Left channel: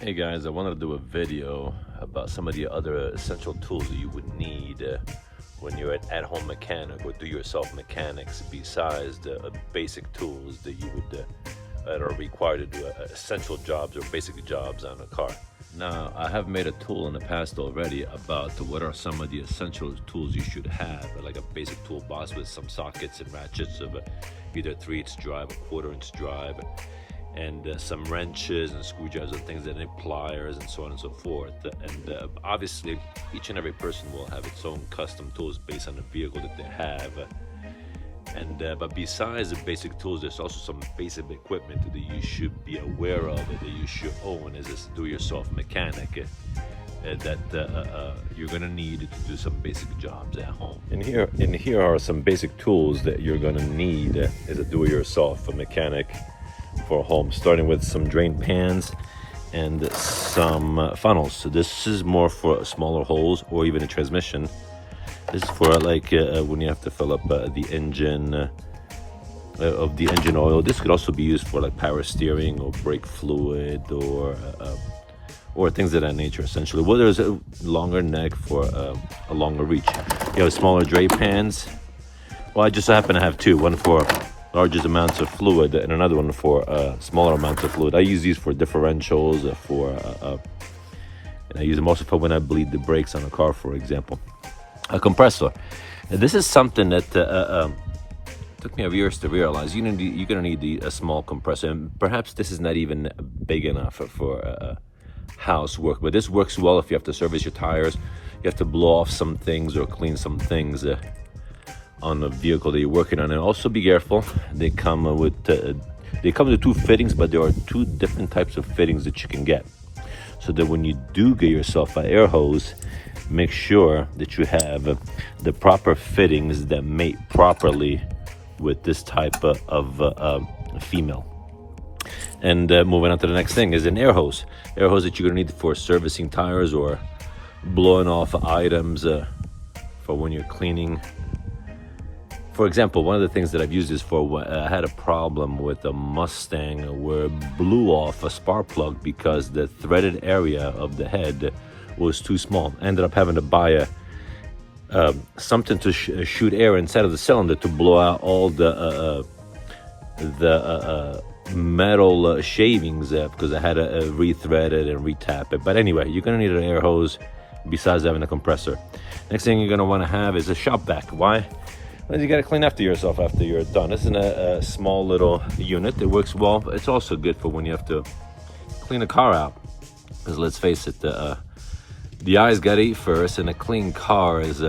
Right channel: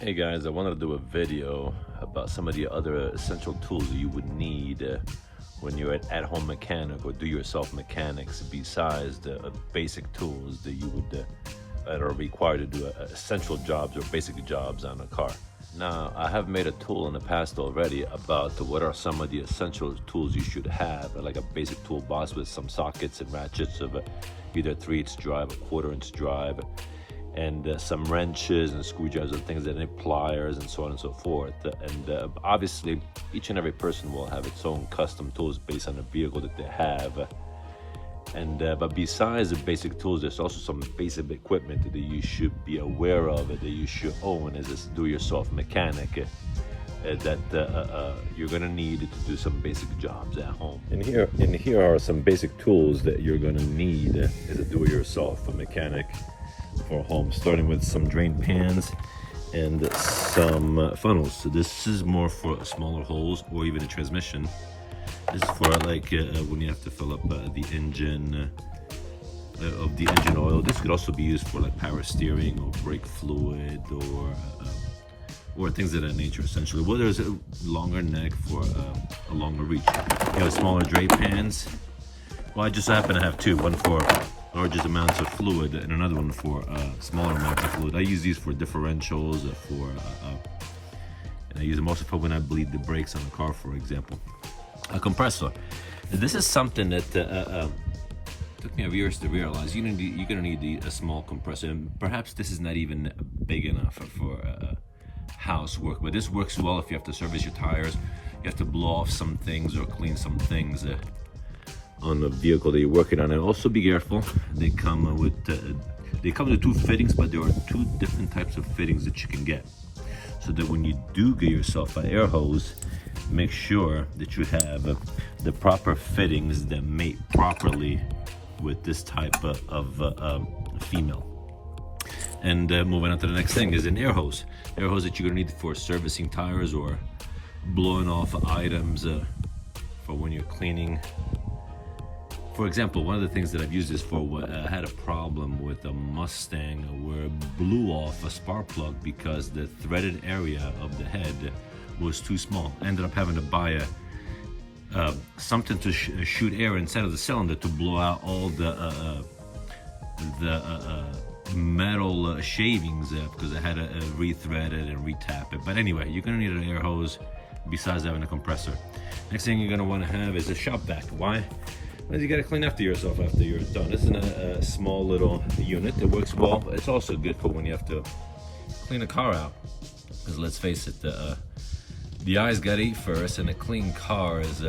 Hey guys, I wanted to do a video about some of the other essential tools that you would need when you're an at-home mechanic or do-yourself mechanics, besides the basic tools that you would that are required to do essential jobs or basic jobs on a car. Now, I have made a tool in the past already about what are some of the essential tools you should have, like a basic toolbox with some sockets and ratchets of either 3/8 drive, a 1/4" drive, and some wrenches and screwdrivers and things that need pliers and so on and so forth. And obviously, each and every person will have its own custom tools based on the vehicle that they have. But besides the basic tools, there's also some basic equipment that you should be aware of, that you should own as a do-yourself mechanic, that you're gonna need to do some basic jobs at home. And here are some basic tools that you're gonna need as a do-it-yourself mechanic for home, starting with some drain pans and some funnels. So this is more for smaller holes or even a transmission. This is for like when you have to fill up the engine of the engine oil. This could also be used for like power steering or brake fluid or things of that nature, essentially. Well, there's a longer neck for a longer reach. You have smaller drain pans. Well, I just happen to have two, one for largest amounts of fluid and another one for smaller amounts of fluid. I use these for differentials, and I use them also for when I bleed the brakes on a car, for example. A compressor. Now, this is something that took me years to realize. You're gonna need a small compressor, and perhaps this is not even big enough for housework, but this works well if you have to service your tires, you have to blow off some things or clean some things on the vehicle that you're working on. And also be careful, they come with two fittings, but there are two different types of fittings that you can get, so that when you do get yourself an air hose, make sure that you have the proper fittings that mate properly with this type of female. And moving on to the next thing is an air hose that you're gonna need for servicing tires or blowing off items for when you're cleaning. For example, one of the things that I've used this for, I had a problem with a Mustang where it blew off a spark plug because the threaded area of the head was too small. I ended up having to buy something to shoot air inside of the cylinder to blow out all the metal shavings because I had to re-thread it and re-tap it. But anyway, you're gonna need an air hose besides having a compressor. Next thing you're gonna wanna have is a shop vac. Why? Well, you gotta clean after yourself after you're done. This is a small little unit. It works well, but it's also good for when you have to clean a car out. Because let's face it, the eyes gotta eat first, and a clean car is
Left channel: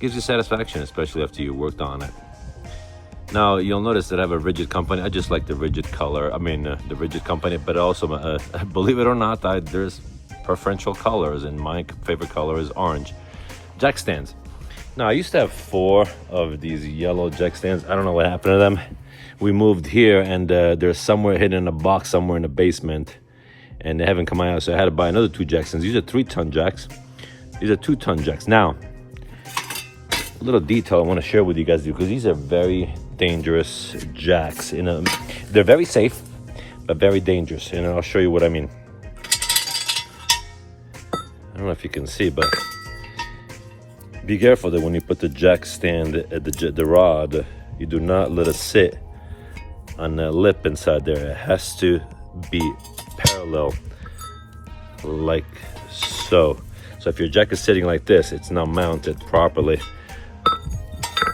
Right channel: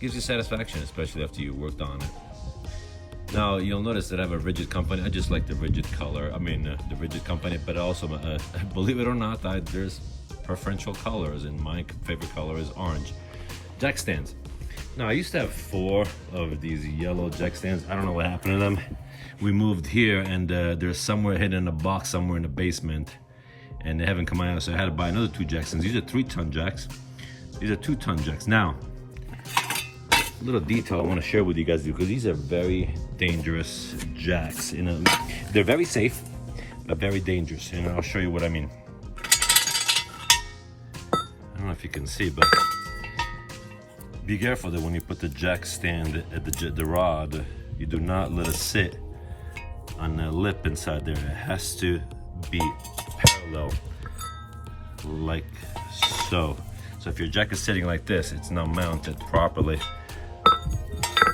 gives you satisfaction, especially after you worked on it. Now, you'll notice that I have a rigid company. I just like the rigid color. I mean, the rigid company, but also, believe it or not, there's preferential colors, and my favorite color is orange. Jack stands. Now, I used to have 4 of these yellow jack stands. I don't know what happened to them. We moved here, and they're somewhere hidden in a box somewhere in the basement, and they haven't come out, so I had to buy another 2 jack stands. These are 3-ton jacks. These are 2-ton jacks. Now, a little detail I want to share with you guys, because these are very dangerous jacks. They're very safe, but very dangerous, and I'll show you what I mean. I don't know if you can see, but be careful that when you put the jack stand at the rod, you do not let it sit on the lip inside there. It has to be parallel, like so. So if your jack is sitting like this, it's not mounted properly.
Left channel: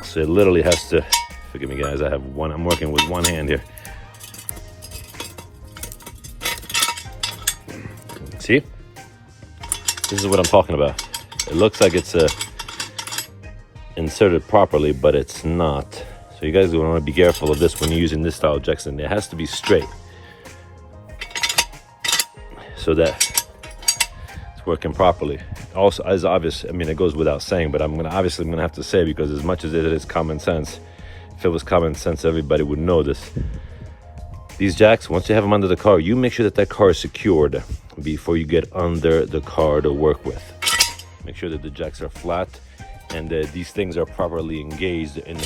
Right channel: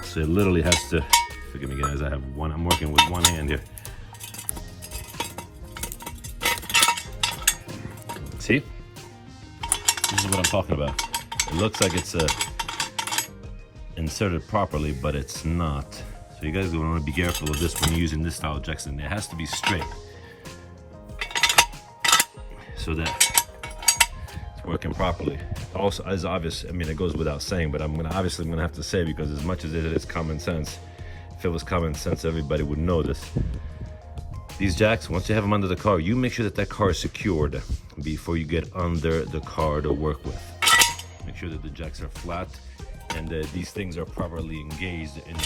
So it literally has to, forgive me guys, I'm working with one hand here. See? This is what I'm talking about. It looks like it's inserted properly, but it's not. So you guys want to be careful of this when you're using this style of jack stand. It has to be straight, so that it's working properly. Also, as obvious, I mean, it goes without saying, but I'm gonna have to say, because as much as it is common sense, if it was common sense, everybody would know this. These jacks, once you have them under the car, you make sure that car is secured before you get under the car to work with. Make sure that the jacks are flat, and these things are properly engaged in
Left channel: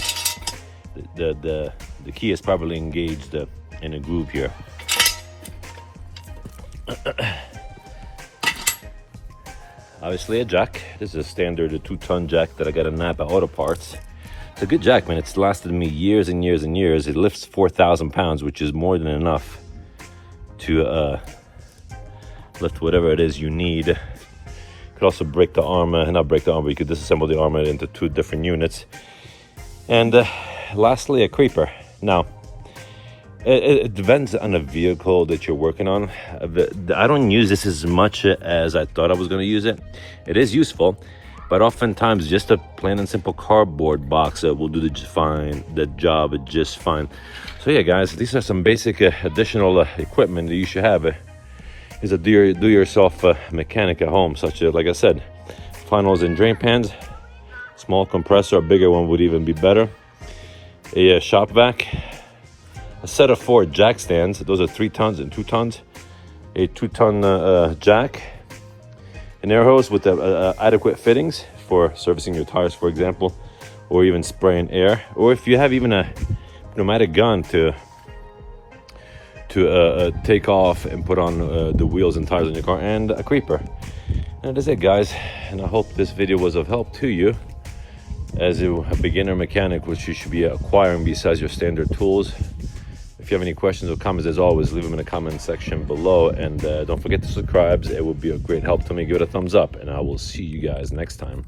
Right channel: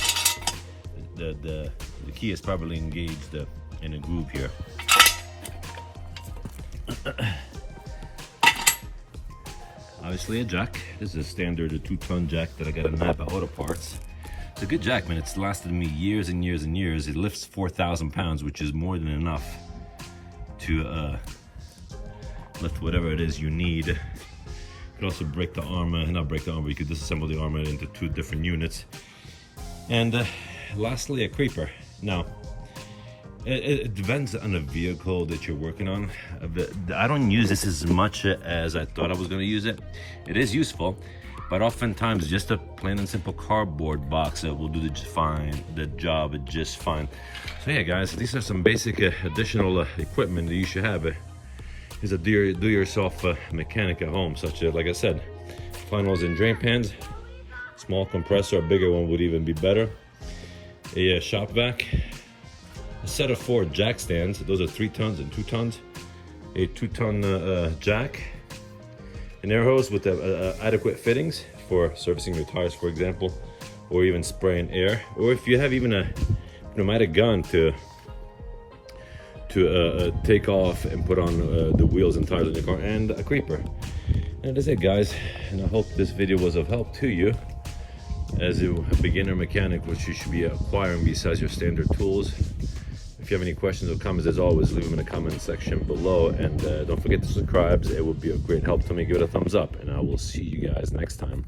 the key is properly engaged in a groove here. Obviously a jack. This is a standard 2-ton jack that I got at Napa Auto Parts. It's a good jack, man. It's lasted me years and years and years. It lifts 4,000 pounds, which is more than enough to lift whatever it is you need. You could also break the arm, not break the arm, but you could disassemble the arm into 2 different units. And lastly, a creeper. Now, it depends on the vehicle that you're working on. I don't use this as much as I thought I was going to use it. It is useful, but oftentimes just a plain and simple cardboard box will do the job just fine. So yeah, guys, these are some basic additional equipment that you should have. Is a do-yourself mechanic at home, such as, like I said, funnels and drain pans, small compressor, a bigger one would even be better, a shop vac, a set of 4 jack stands. Those are 3 tons and 2 tons, a 2-ton jack, an air hose with adequate fittings for servicing your tires, for example, or even spraying air, or if you have even a pneumatic gun to take off and put on the wheels and tires on your car, and a creeper. And that's it, guys, and I hope this video was of help to you as a beginner mechanic, which you should be acquiring besides your standard tools. If you have any questions or comments, as always, leave them in the comment section below, and don't forget to subscribe. It would be a great help to me. Give it a thumbs up, and I will see you guys next time.